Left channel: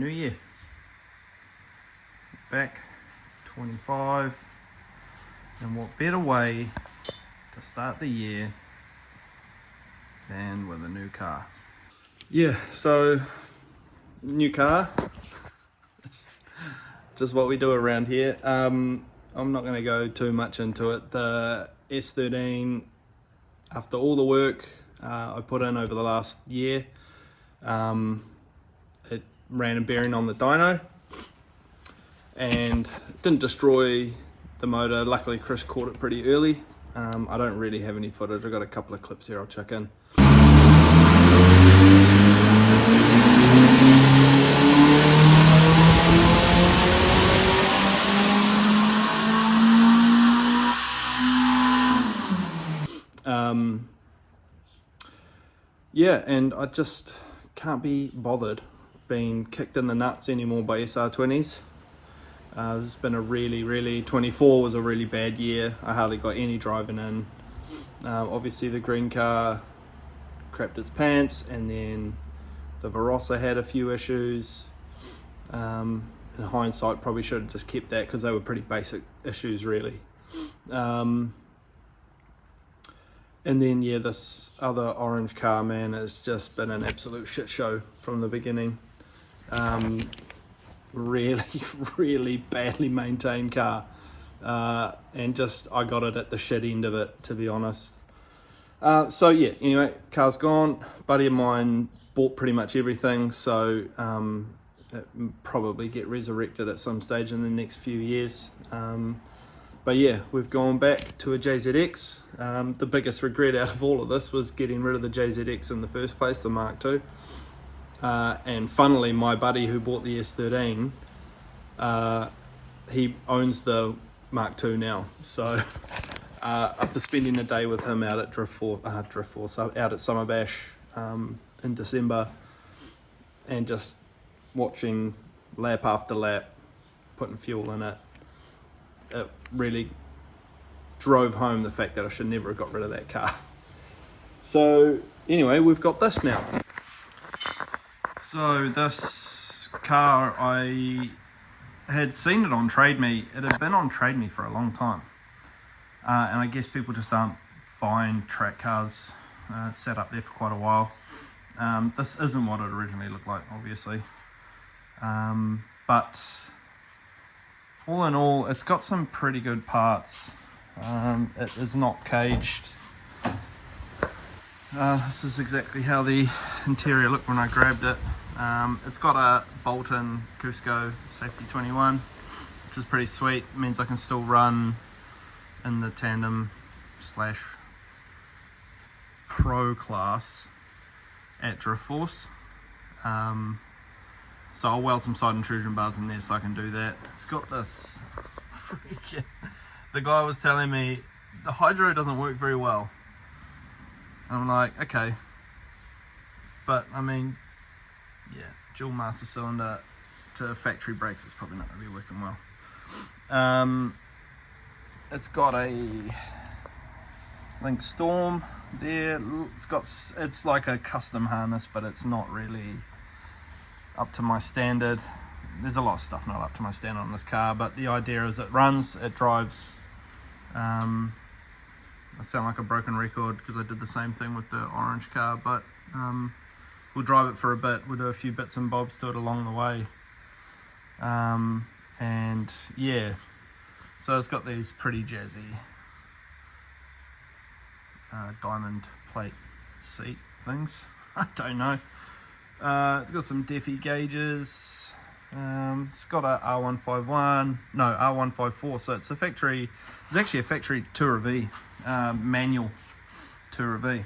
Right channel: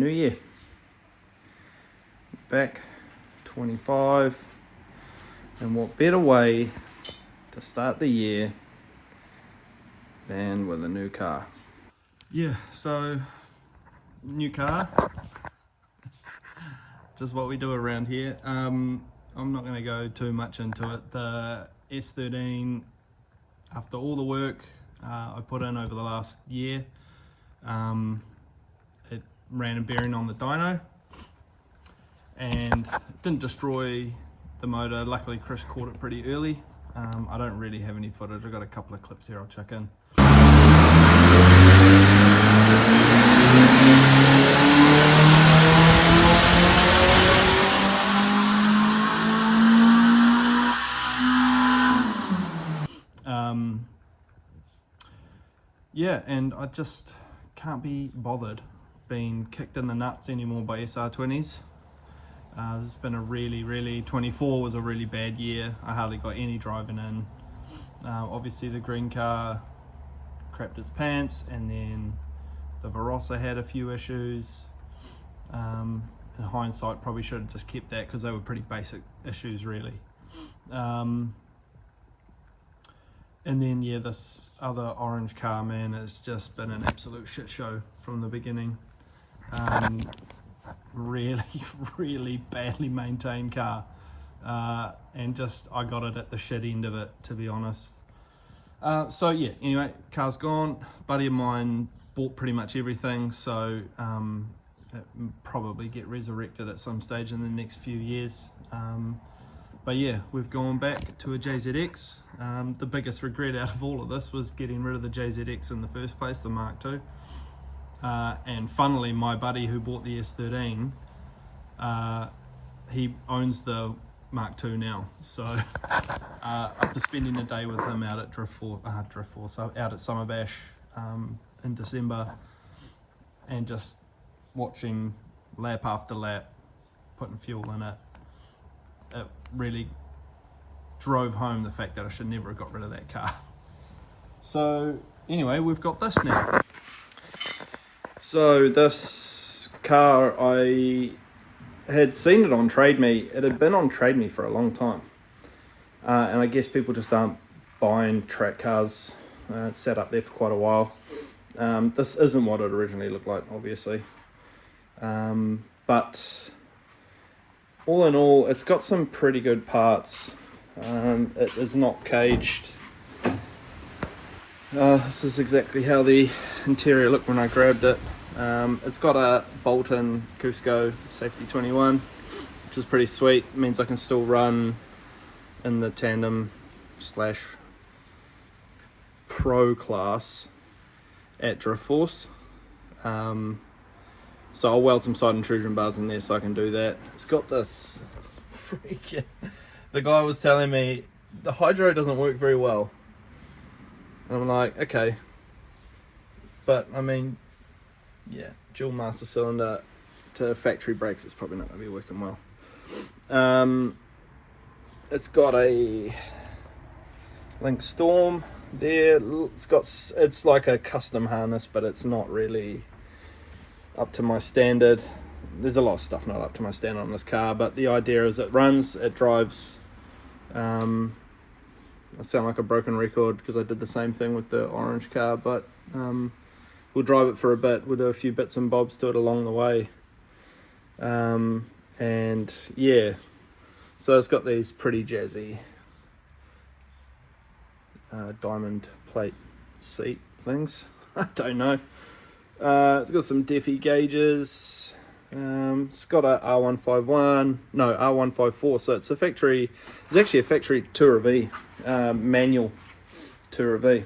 new year. Back 25, and what better way to start the year than with a new car. Yeah, so new car, just what we do around here. I'm not going to go too much into it. The S13, after all the work I put in over the last year, it ran a bearing on the dyno and didn't destroy the motor. Luckily Chris caught it pretty early. I don't really have any footage. I've got a couple of clips here I'll chuck in. Yeah, and I just can't be bothered being kicked in the nuts anymore by SR20s. This has been a really 24 was a really bad year. I hardly got any driving in. Obviously the green car crapped its pants, and then the Barossa had a few issues. In hindsight, probably should have just kept that because they were pretty basic issues really. And then yeah, this other orange car, man, has just been an absolute shit show from the beginning. Really badly maintained car, and just I got it at the shit end of it, to be honest. So yeah, anyway, car's gone. Buddy of mine bought pretty much everything, so it probably get resurrected at some stage in the next few years. But yeah, we've gone back to a JZX. The biggest regret out of all of this was getting rid of the JZX in the first place, the Mark II. And funnily, my buddy who bought the S13, he owns the Mark II now. So after spending a day with him out at out at Summer Bash in December, and just watching lap after lap, putting fuel in it, it really drove home the fact that I should never have got rid of that car. So anyway, we've got this now. So this car, I had seen it on Trade Me. It had been on Trade Me for a long time. And I guess people just aren't buying track cars. It's sat up there for quite a while. This isn't what it originally looked like, obviously. But all in all, it's got some pretty good parts. It is not caged. This is exactly how the interior looked when I grabbed it. It's got a bolt-in Cusco Safety 21, which is pretty sweet. It means I can still run in the tandem / pro class at Drift Force. So I'll weld some side intrusion bars in there so I can do that. It's got this freaking... The guy was telling me the hydro doesn't work very well. And I'm like, okay. But I mean, yeah, dual master cylinder to factory brakes, it's probably not going to be working well. It's got a Link Storm there. It's like a custom harness, but it's not really up to my standard. There's a lot of stuff not up to my standard on this car, but the idea is it runs, it drives. I sound like a broken record because I did the same thing with the orange car, but we'll drive it for a bit. We'll do a few bits and bobs to it along the way. And yeah, so it's got these pretty jazzy diamond plate seat things. I don't know. It's got some Defi gauges. It's got a R154, so it's actually a factory Tourer V, manual Tourer V.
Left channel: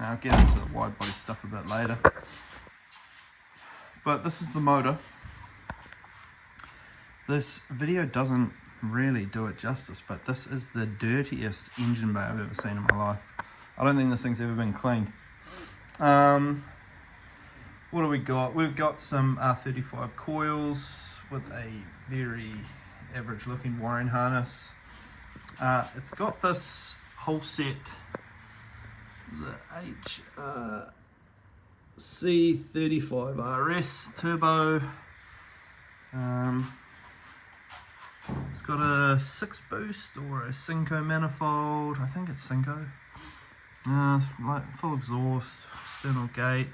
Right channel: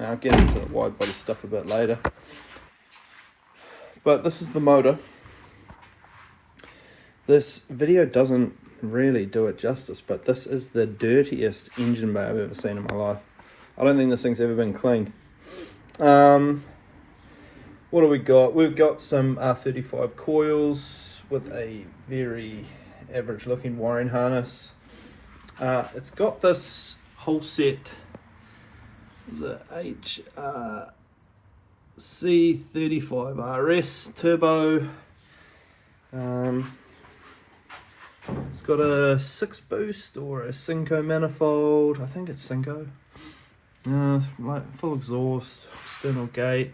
I'll get into the wide body stuff a bit later. But this is the motor. This video doesn't really do it justice, but this is the dirtiest engine bay I've ever seen in my life. I don't think this thing's ever been cleaned. What do we got? We've got some R35 coils with a very average looking wiring harness. It's got this whole set, the HRC35RS turbo It's got a 6 boost or a Cinco manifold. I think it's Cinco. Like full exhaust, external gate.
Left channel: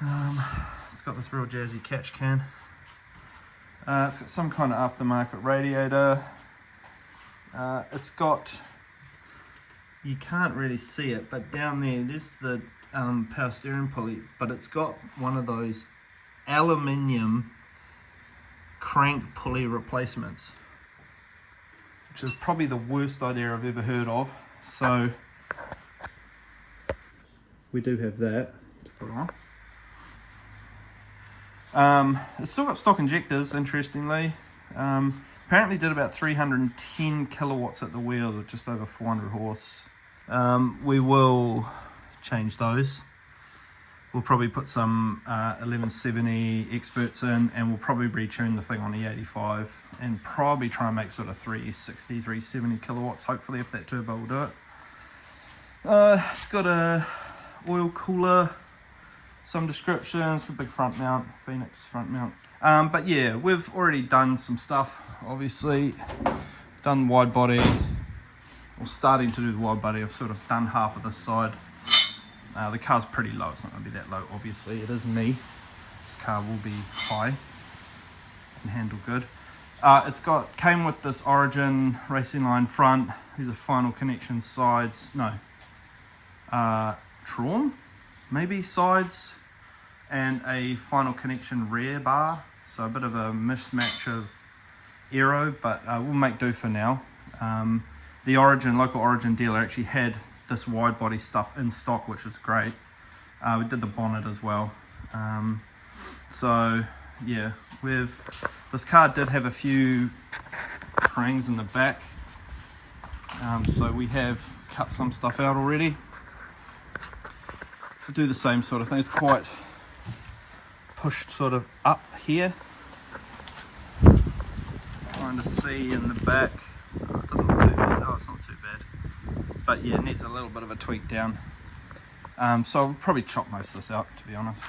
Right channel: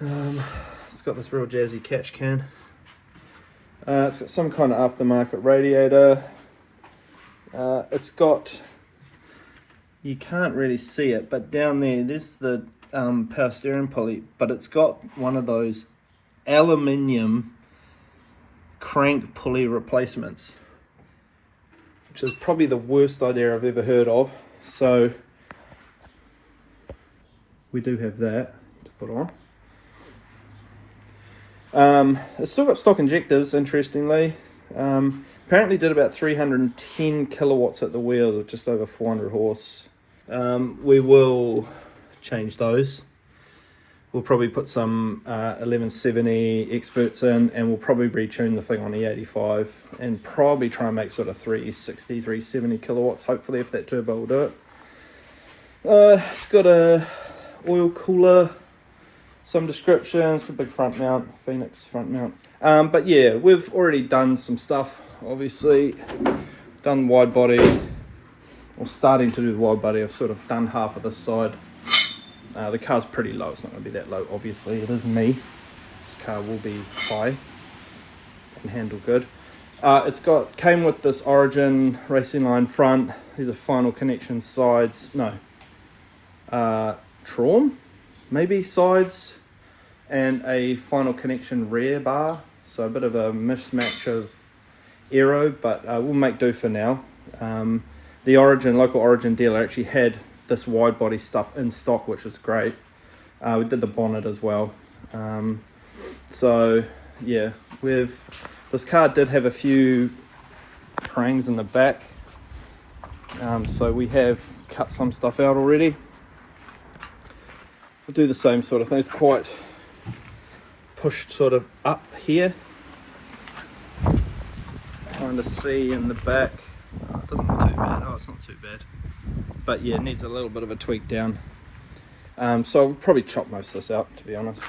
It's got this real jazzy catch can. It's got some kind of aftermarket radiator. It's got, you can't really see it, but down there's the power steering pulley, but it's got one of those aluminium crank pulley replacements, which is probably the worst idea I've ever heard of. So we do have that to put on. It's still got stock injectors, interestingly. Apparently did about 310 kilowatts at the wheels, or just over 400 horse. We will change those. We'll probably put some 1170 experts in, and we'll probably retune the thing on E85 and probably try and make sort of 360, 370 kilowatts, hopefully, if that turbo will do it. It's got a oil cooler, some descriptions, a big front mount, Phoenix front mount. But yeah, we've already done some stuff, obviously. Done wide body, or starting to do the wide body. I've sort of done half of this side. The car's pretty low, it's not going to be that low, obviously. It is me. This car will be high and handle good. It's came with this Origin racing line front. These are final connection sides. No. Traum, maybe sides, and a final connection rear bar. So a bit of a mismatch of aero, but we'll make do for now. The local Origin dealer actually had this wide body stuff in stock, which was great. We did the bonnet as well. So yeah, this car did have a few prangs in the back. So we have cut some stuff out already. We'll do the same sort of thing. It's quite pushed sort of up here. Kind of see in the back. Oh, it doesn't look too bad. Oh, it's not too bad. But yeah, it needs a little bit of a tweak down. So I'll probably chop most of this out, to be honest.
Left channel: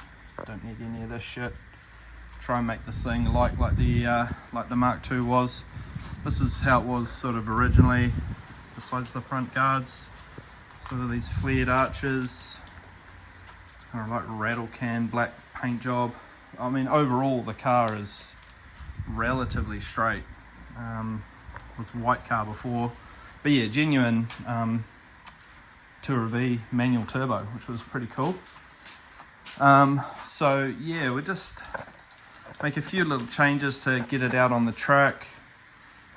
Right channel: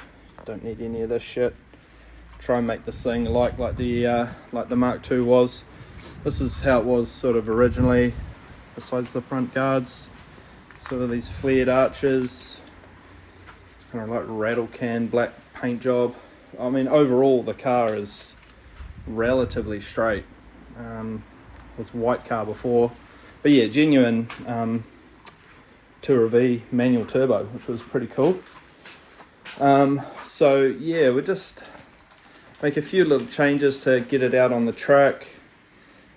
Don't need any of this shit. Try and make this thing like the Mark II was. This is how it was sort of originally. Besides the front guards, sort of these flared arches. Kind of like rattle can black paint job. I mean, overall the car is relatively straight. Was white car before, but yeah, genuine Tourer V manual turbo, which was pretty cool. So yeah, we just make a few little changes to get it out on the track.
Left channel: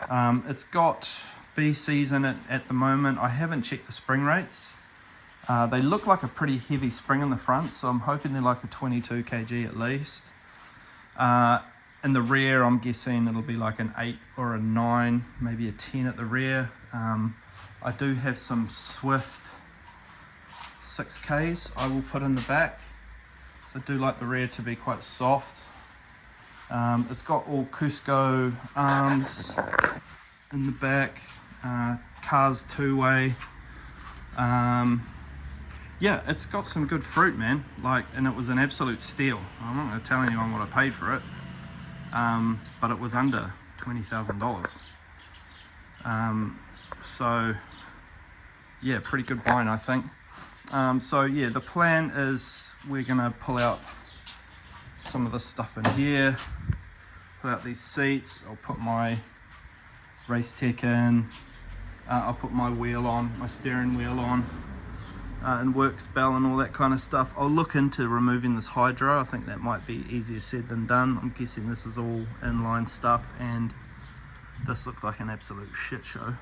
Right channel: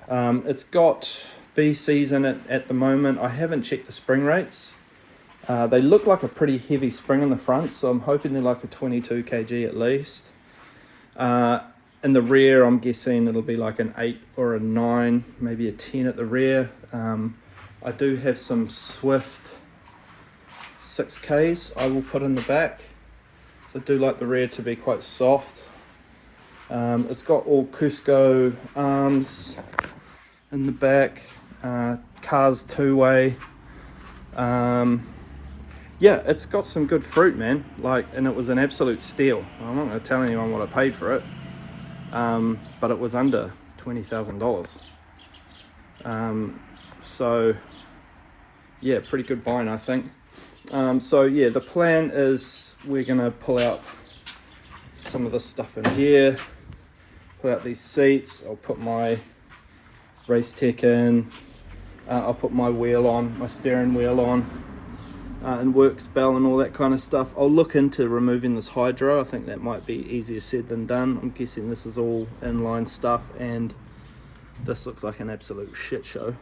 It's got BCs in it at the moment. I haven't checked the spring rates. They look like a pretty heavy spring in the front, so I'm hoping they're like a 22 kg at least. In the rear, I'm guessing it'll be like an 8 or a 9, maybe a 10 at the rear. I do have some Swift 6Ks I will put in the back. So I do like the rear to be quite soft. It's got all Cusco arms in the back. Car's two-way. Yeah, it's got some good fruit, man. And it was an absolute steal. I'm not going to tell anyone what I paid for it. But it was under $20,000. So yeah, pretty good buying, I think. So yeah, the plan is we're gonna pull out some of this stuff in here, pull out these seats. I'll put my race tech in. I'll put my wheel on, my steering wheel on, and works bell and all that kind of stuff. I'll look into removing this hydro. I think that might be easier said than done. I'm guessing this is all inline stuff, and this looks like an absolute shit show.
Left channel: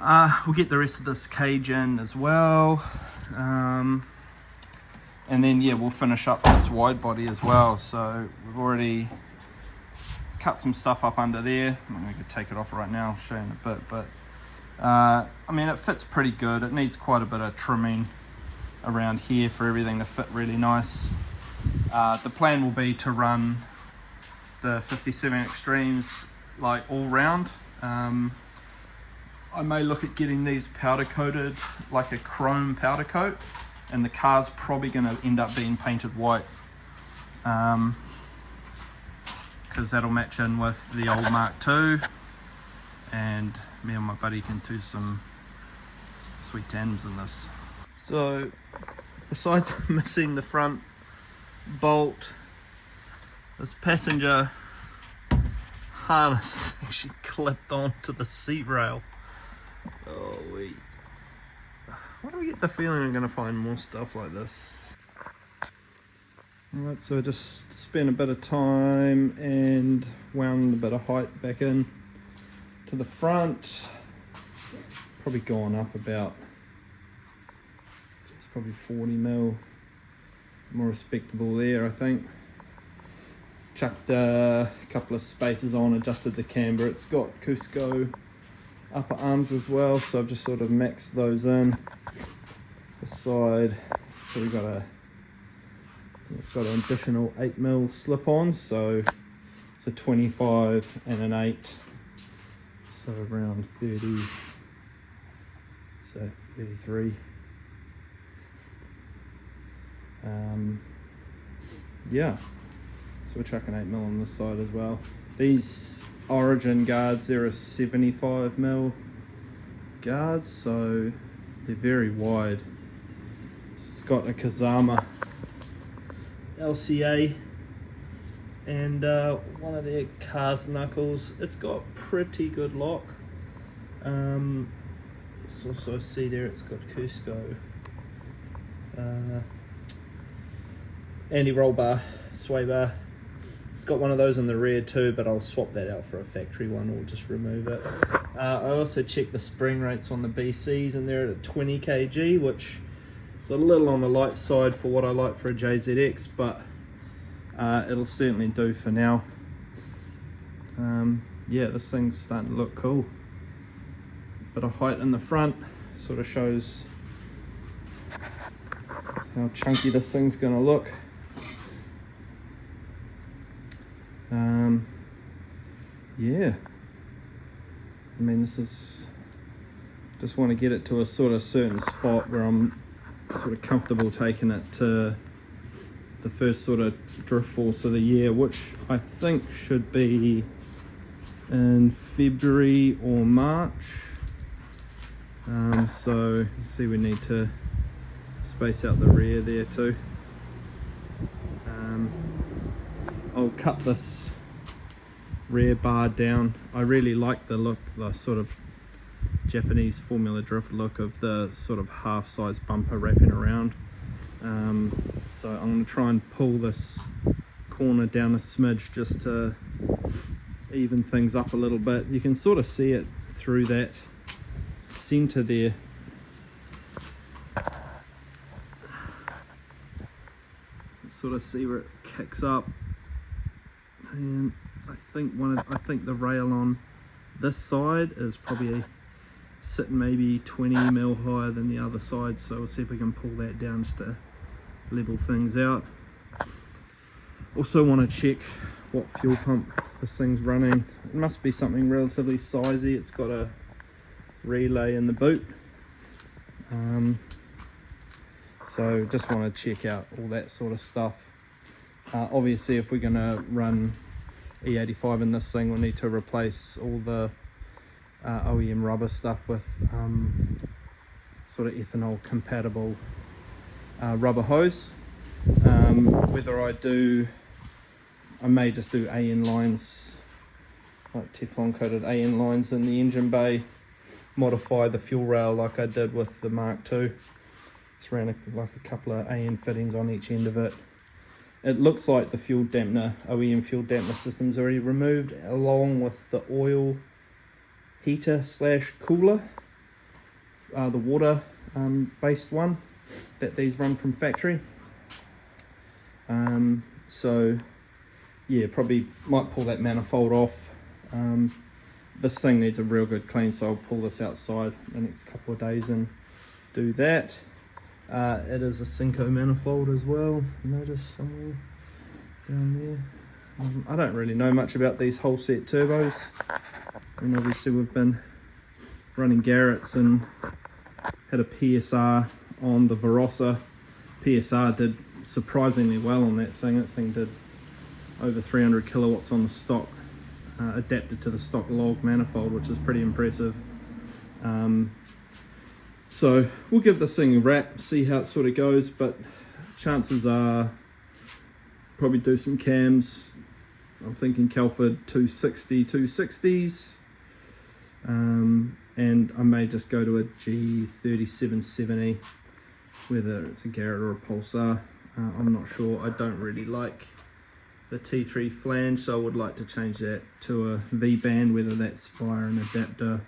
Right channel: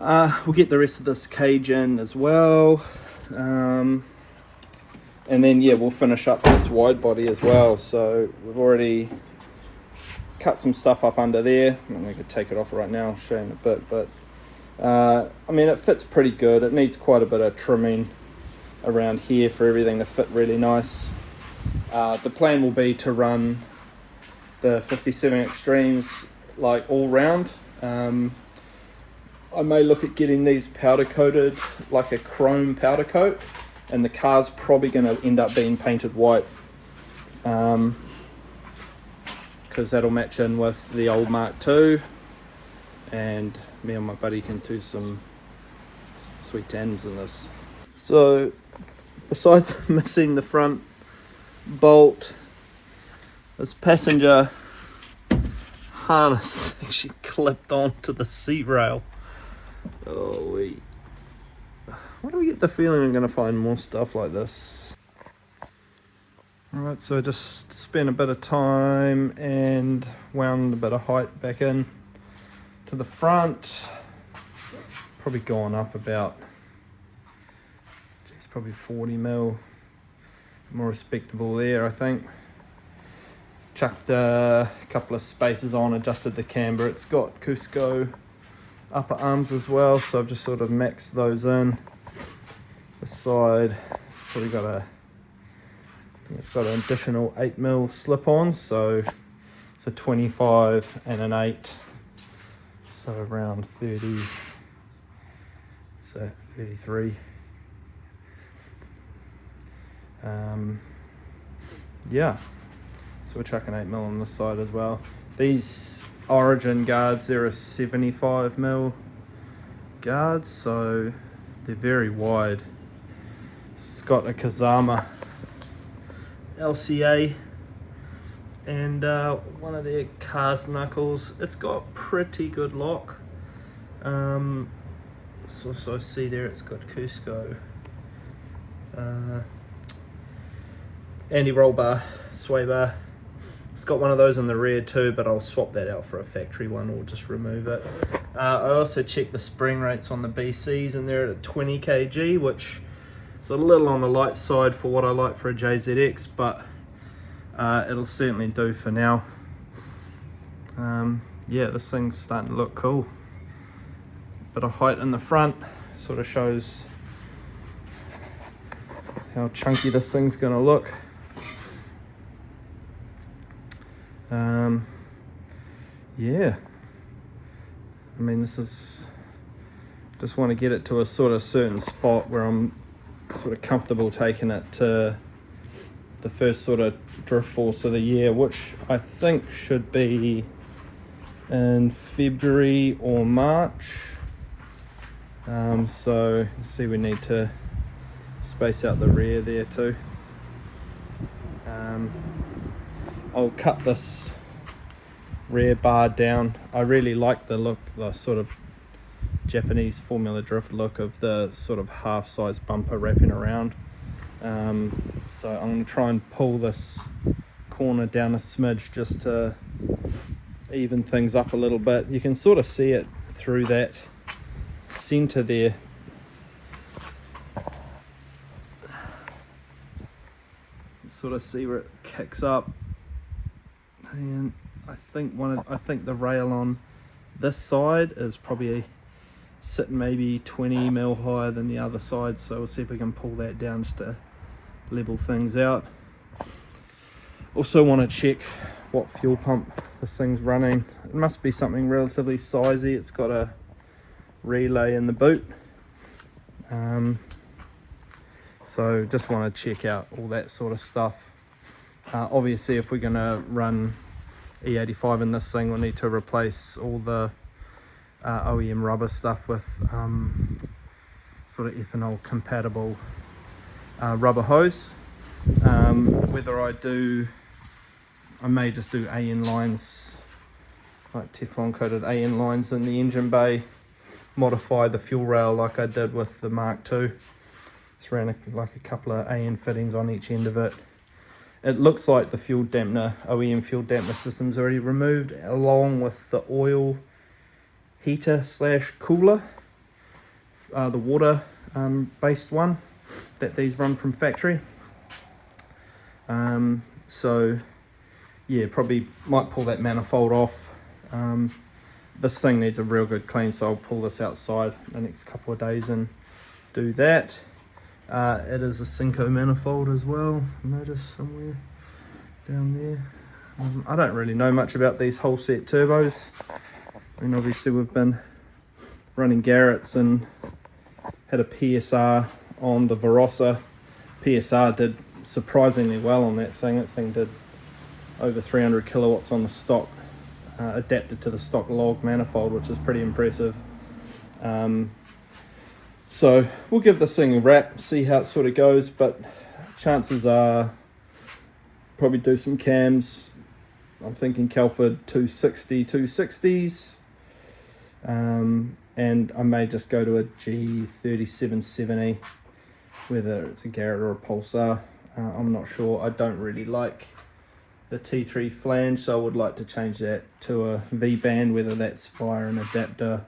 We'll get the rest of this cage in as well, and then yeah, we'll finish up this wide body as well. So we've already cut some stuff up under there. I'm going to take it off right now, I'll show you in a bit, but I mean, it fits pretty good. It needs quite a bit of trimming around here for everything to fit really nice. The plan will be to run the 57 Extremes like all round. I may look at getting these powder coated, like a chrome powder coat, and the car's probably going to end up being painted white. because that'll match in with the old Mark II, and me and my buddy can do some sweet tans in this. So besides missing the front bolt, this passenger harness actually clipped onto the seat rail. Oh, why do we get the feeling I'm going to find more stuff like this? Alright, so I just spent a bit of time and wound a bit of height back in to the front. Probably gone up about, it's probably 40 mil. More respectable there, I think. Chucked a couple of spaces on, adjusted the camber. It's got Cusco upper arms as well, so I've just sort of maxed those in. The side, it's probably got it's got an additional 8mm slip-ons, so it's a 25 and an 8, so around 30, so 33. Yeah, so we're chucking 8mm on this side as well. These Origin guards, they're a 75mm guards, so they're very wide. It's got a Kazama LCA and one of their cast knuckles. It's got pretty good lock. Also see there it's got Cusco anti-roll bar, sway bar. It's got one of those on the rear too, but I'll swap that out for a factory one or just remove it. I also checked the spring rates on the BCs and they're at 20 kg, which is a little on the light side for what I like for a JZX, but it'll certainly do for now. Yeah, this thing's starting to look cool. Bit of height in the front, sort of shows how chunky this thing's gonna look. Yeah, I mean, this is, just want to get it to a sort of certain spot where I'm sort of comfortable taking it to the first sort of drift force of the year, which I think should be in February or March. So you see we need to space out the rear there too. I'll cut this rear bar down. I really like the look, the sort of Japanese Formula Drift look of the sort of half size bumper wrapping around. So I'm going to try and pull this corner down a smidge just to even things up a little bit. You can sort of see it through that center there. Sort of see where it kicks up, and I think the rail on this side is probably sitting maybe 20mm higher than the other side, so we'll see if we can pull that down just to level things out. Also want to check what fuel pump this thing's running. It must be something relatively sizey. It's got a relay in the boot, so just want to check out all that sort of stuff. Obviously if we're going to run E85 in this thing, we'll need to replace all the OEM rubber stuff with sort of ethanol compatible rubber hose. Whether I may just do AN lines, like Teflon coated AN lines in the engine bay, modify the fuel rail like I did with the Mark II. Just ran like a couple of AN fittings on each end of it. It looks like the fuel dampener, OEM fuel dampener system's already removed, along with the oil heater slash cooler, the water based one that these run from factory. So yeah, probably might pull that manifold off. This thing needs a real good clean, so I'll pull this outside the next couple of days and do that. It is a Cinco manifold as well, notice somewhere down there. I don't really know much about these whole set turbos. I mean, obviously we've been running Garrett's and had a PSR on the Verossa. PSR did surprisingly well on that thing. That thing did over 300 kilowatts on the stock, adapted to the stock log manifold, which is pretty impressive. So we'll give this thing a wrap, see how it sort of goes, but chances are probably do some cams. I'm thinking Kelford 260, 260s, and I may just go to a G3770, whether it's a Garrett or a Pulsar. I'm not sure. I don't really like the T3 flange, so I would like to change that to a V-band, whether that's via an adapter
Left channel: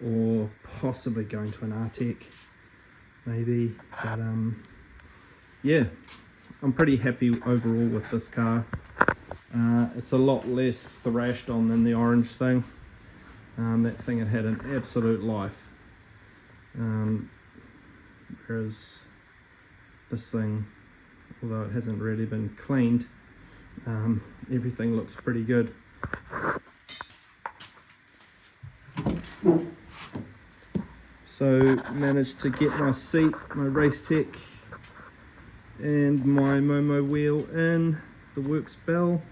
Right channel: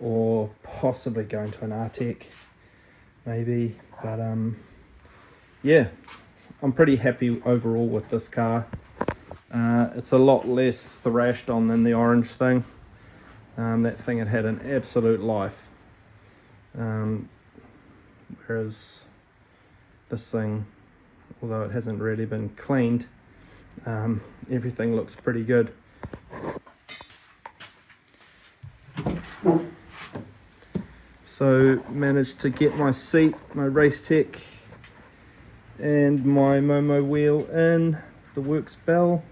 or possibly going to an Artec maybe. But yeah, I'm pretty happy overall with this car. It's a lot less thrashed on than the orange thing. That thing had an absolute life, whereas this thing, although it hasn't really been cleaned, everything looks pretty good. So managed to get my seat, my Race Tech and my Momo wheel in, the works bell.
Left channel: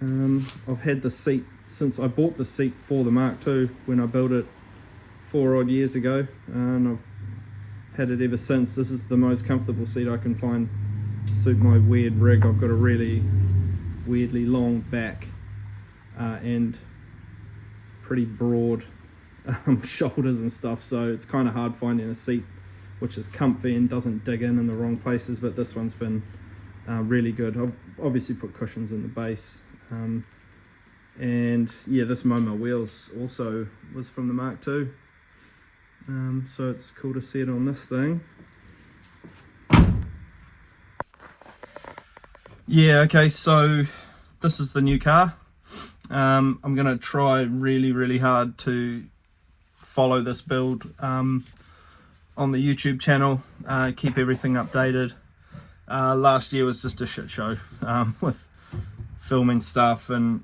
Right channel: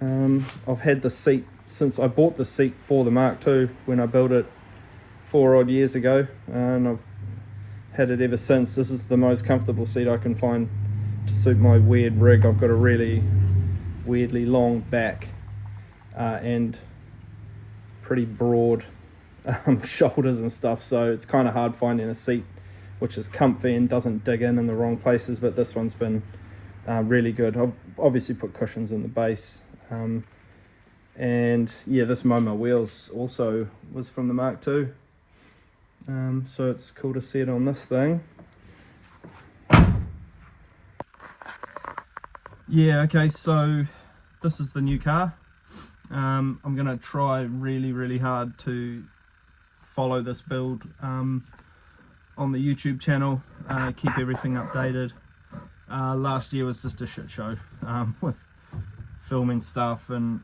I've had the seat since I bought the seat for the Mark II when I built it 4 odd years ago, and I've had it ever since. This is the most comfortable seat I can find to suit my weird rig. I've got a really weirdly long back and pretty broad shoulders and stuff, so it's kind of hard finding a seat which is comfy and doesn't dig in the wrong places, but this one's been really good. I've obviously put cushions in the base, and yeah, this Momo wheels also was from the Mark II, so it's cool to see it on this thing. Yeah, okay, so this is the new car. I'm going to try really hard to follow this build on the YouTube channel, keep everything updated. Last year was just a shit show with filming stuff and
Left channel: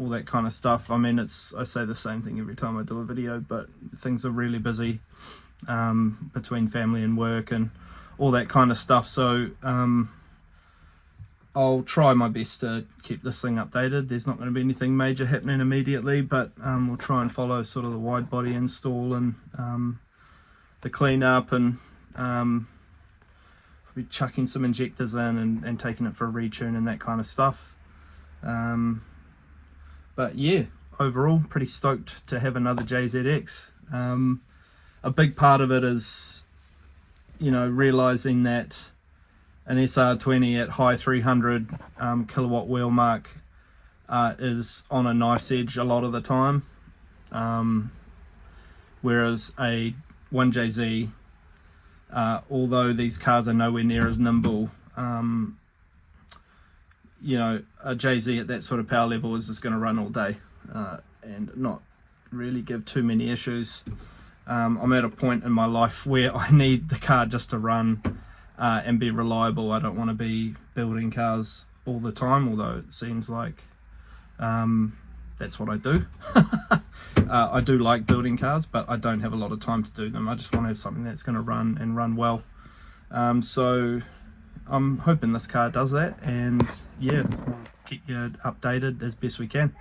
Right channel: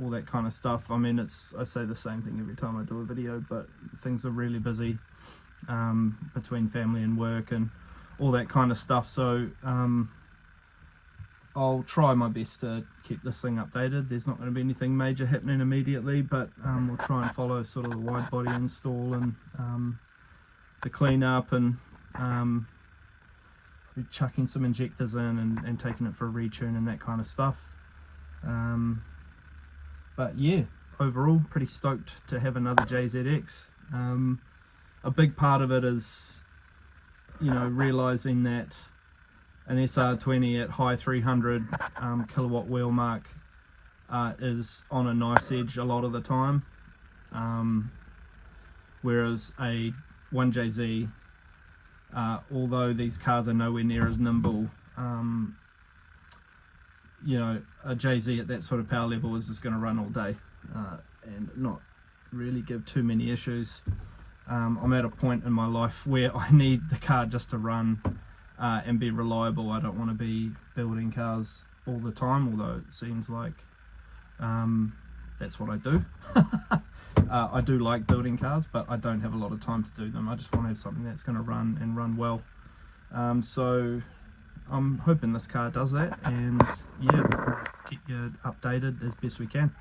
all that kind of stuff. I mean, I say the same thing every time I do a video, but things are really busy between family and work and all that kind of stuff, so I'll try my best to keep this thing updated. There's not going to be anything major happening immediately, but we'll try and follow sort of the wide body install and the clean up, and be chucking some injectors in and taking it for a retune and that kind of stuff. But yeah, overall pretty stoked to have another JZX. A big part of it is, you know, realizing that an SR20 at high 300 kilowatt wheel mark is on a knife's edge a lot of the time, whereas a 1JZ, although these cars are nowhere near as nimble, you know, a JZ at that sort of power level is just going to run all day and not really give too many issues. I'm at a point in my life where I need the car just to run and be reliable. I don't want to be building cars all the time, although it seems like that's what I do. I do like building cars, but I don't have a lot of time to do them. I just want to have something that's going to run and run well. So I'm hoping this car does that, and yeah, we'll keep you updated as best we can.